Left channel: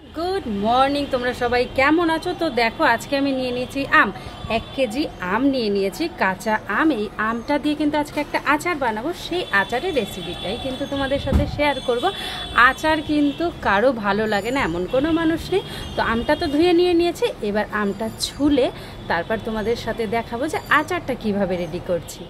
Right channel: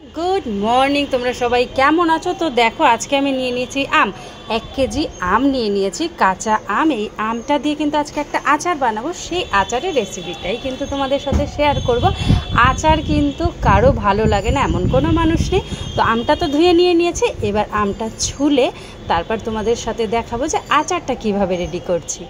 Good morning, তোমরা সবাই কেমন আছো? তো দেখো আজকে আমি নিয়ে নিয়েছি আম, 1 কেজি আম নিয়ে নিয়েছি, কাঁচা আম। এই আমটা দিয়ে কিন্তু আজকে একটা আচার বানাবো, সেই আচারের রেসিপিটাই কিন্তু তোমাদের সাথে শেয়ার করব। আচার কিন্তু কারো ভালো লাগে না এমন কোনো মানুষ নেই। তো আমটা তো ধুয়ে নিয়ে নিয়েছি, এবার আমটা ছুলে তারপর তোমাদের সাথে দেখাবো যে আচারটা কিভাবে রেডি করছি।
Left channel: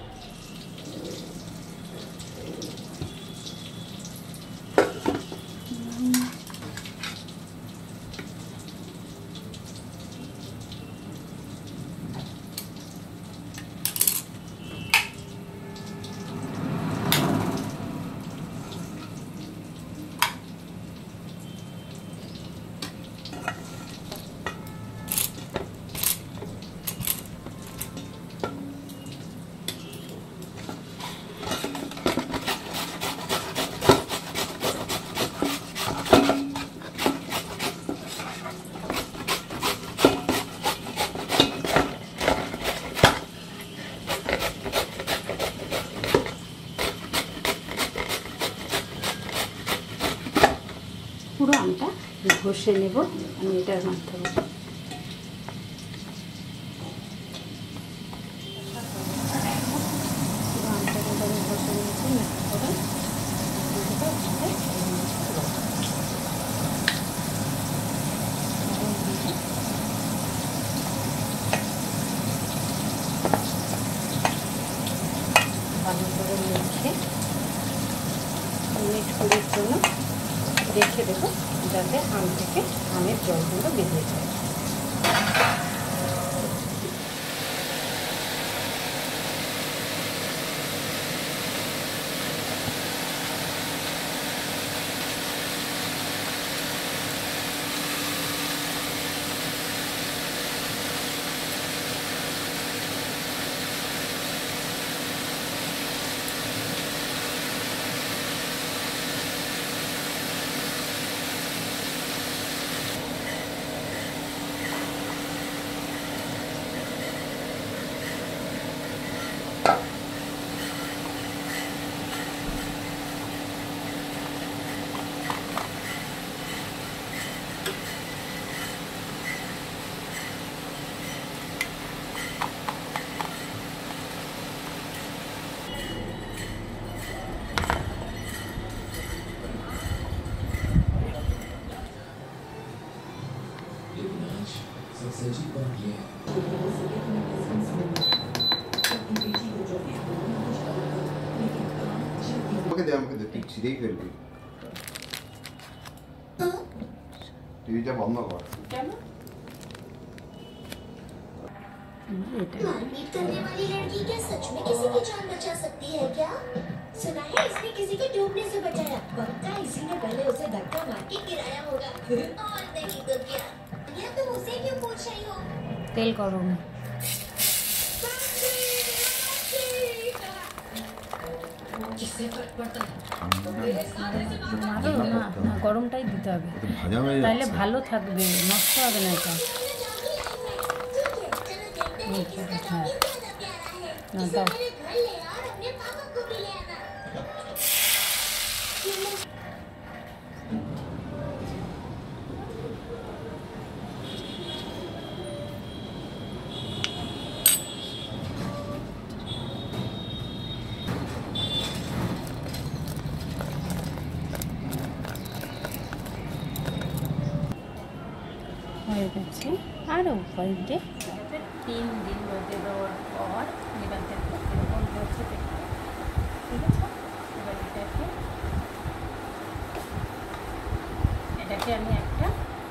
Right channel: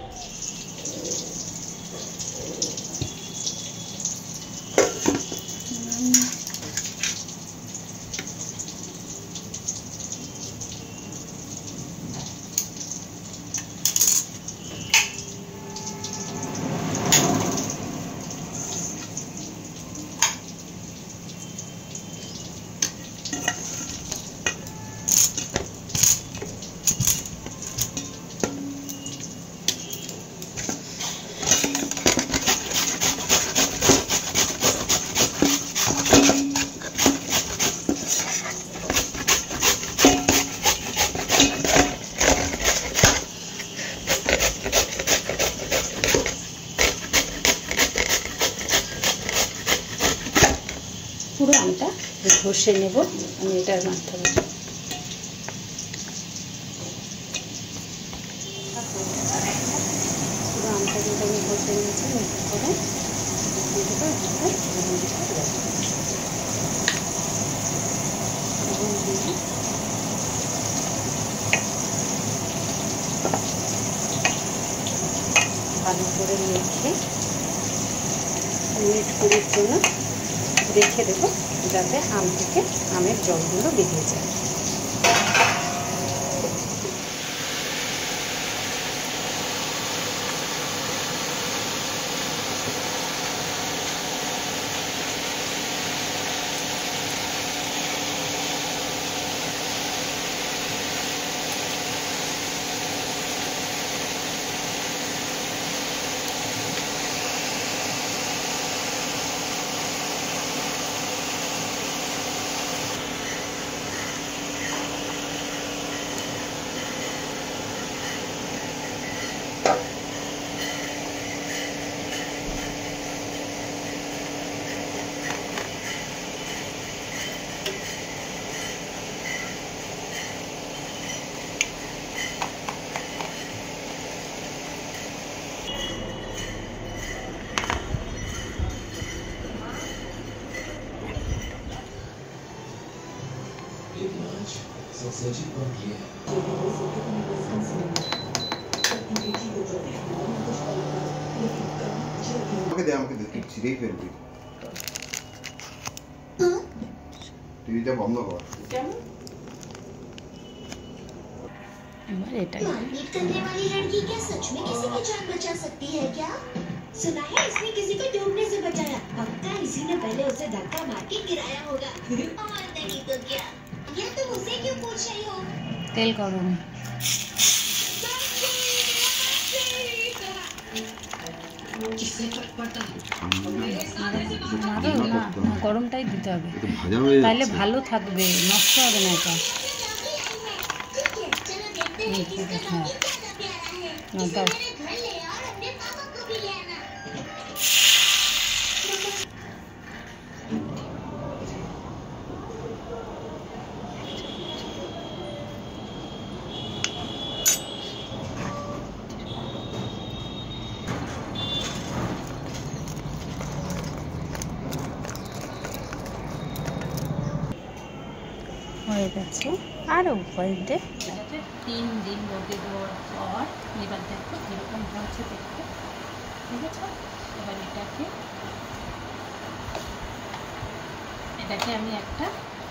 পুরো আমটা ঘষে নেব আমি এটার মাধ্যমে। পুরো আমটা কিন্তু আমি ঘষে নিয়েছি, মিক্স করে ভালো করে মেখে মিনিট 20 জন্য রেখে দেবো, যাতে আম থেকে আমের জলগুলো বেরিয়ে যায়। টিভিটা বন্ধ কর। मारपीट करने वाली लड़की क्या सच में किसी की जान बचा सकती है क्या? सुना है इसने किसी को डूबने से बचाया। पक्का इसी ने पहले उसे धक्का मार के गिराया होगा। और नहीं तो क्या? ये तुम उसे क्यों पूछ रही हो? तेल गरम মারো না, গরমটাই দিতে হবে, তাহলে ভালো থাকবে, নষ্ট হবে না এটা। হ্যাঁ না দাও। হয়ে গেছে, আরও কয়েকটা 3 দিন রোদে দেওয়ার পর এবার দেখো এরকম হচ্ছে দেখতে, ঠিক আছে? এবার এটাকে আমি একটা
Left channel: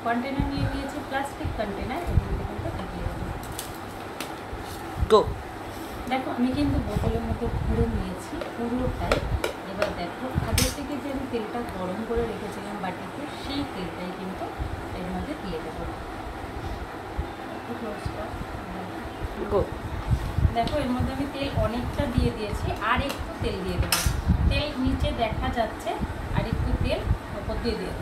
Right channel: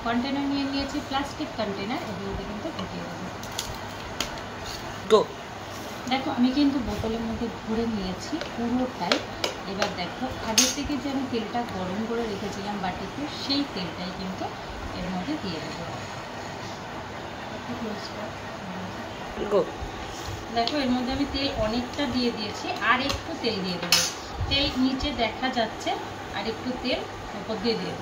কন্টেনার নিয়ে নিয়েছি, প্লাস্টিক কন্টেনার, এর মধ্যে কিন্তু ঢেকে দেবো। দেখো আমি কিন্তু বোতলের মধ্যে ভরে নিয়েছি পুরোটাই। এবার দেখো আগে থেকে যে আমি তেলটা গরম করে রেখেছিলাম বাটিতে, সেই তেলটাই কিন্তু এর মধ্যে দিয়ে দেবো। দেখো এর মধ্যে আমি তেল অনেকটা দিয়ে দিয়েছি, আর একটু তেল দিয়ে দেবো। তেল নিচে দেখা যাচ্ছে, আর একটু তেল ওপর দিয়ে দেবো।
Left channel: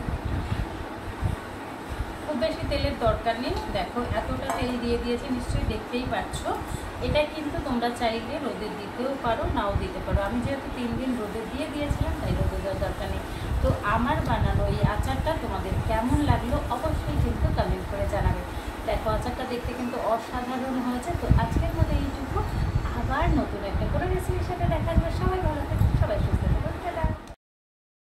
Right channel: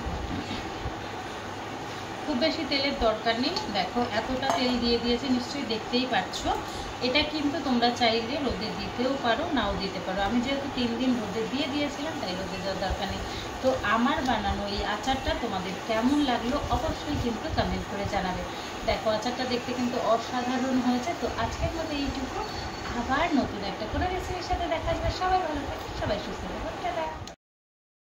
খুব বেশি তেলের দরকার নেই। দেখো এতটা তেল দিয়ে দিয়েছি, নিশ্চয়ই দেখতেই পাচ্ছ। এটা কিন্তু তোমরা চাইলে রোদে দিতেও পারো, নাও দিতে পারো। আমি যেহেতু 3 দিন রোদে দিয়ে দিয়েছিলাম, তাই রোদে দেওয়ার দরকার নেই। তো আমার বানানো এই আচারটা তোমাদেরকে কেমন লাগলো অবশ্যই কিন্তু কমেন্ট করে জানাবে। দেখো আচারটা দেখতে কিন্তু অসাধারণ হয়েছে। তো আজকের মতো এইটুকু, আবার নতুন একটা করে রেসিপির সাথে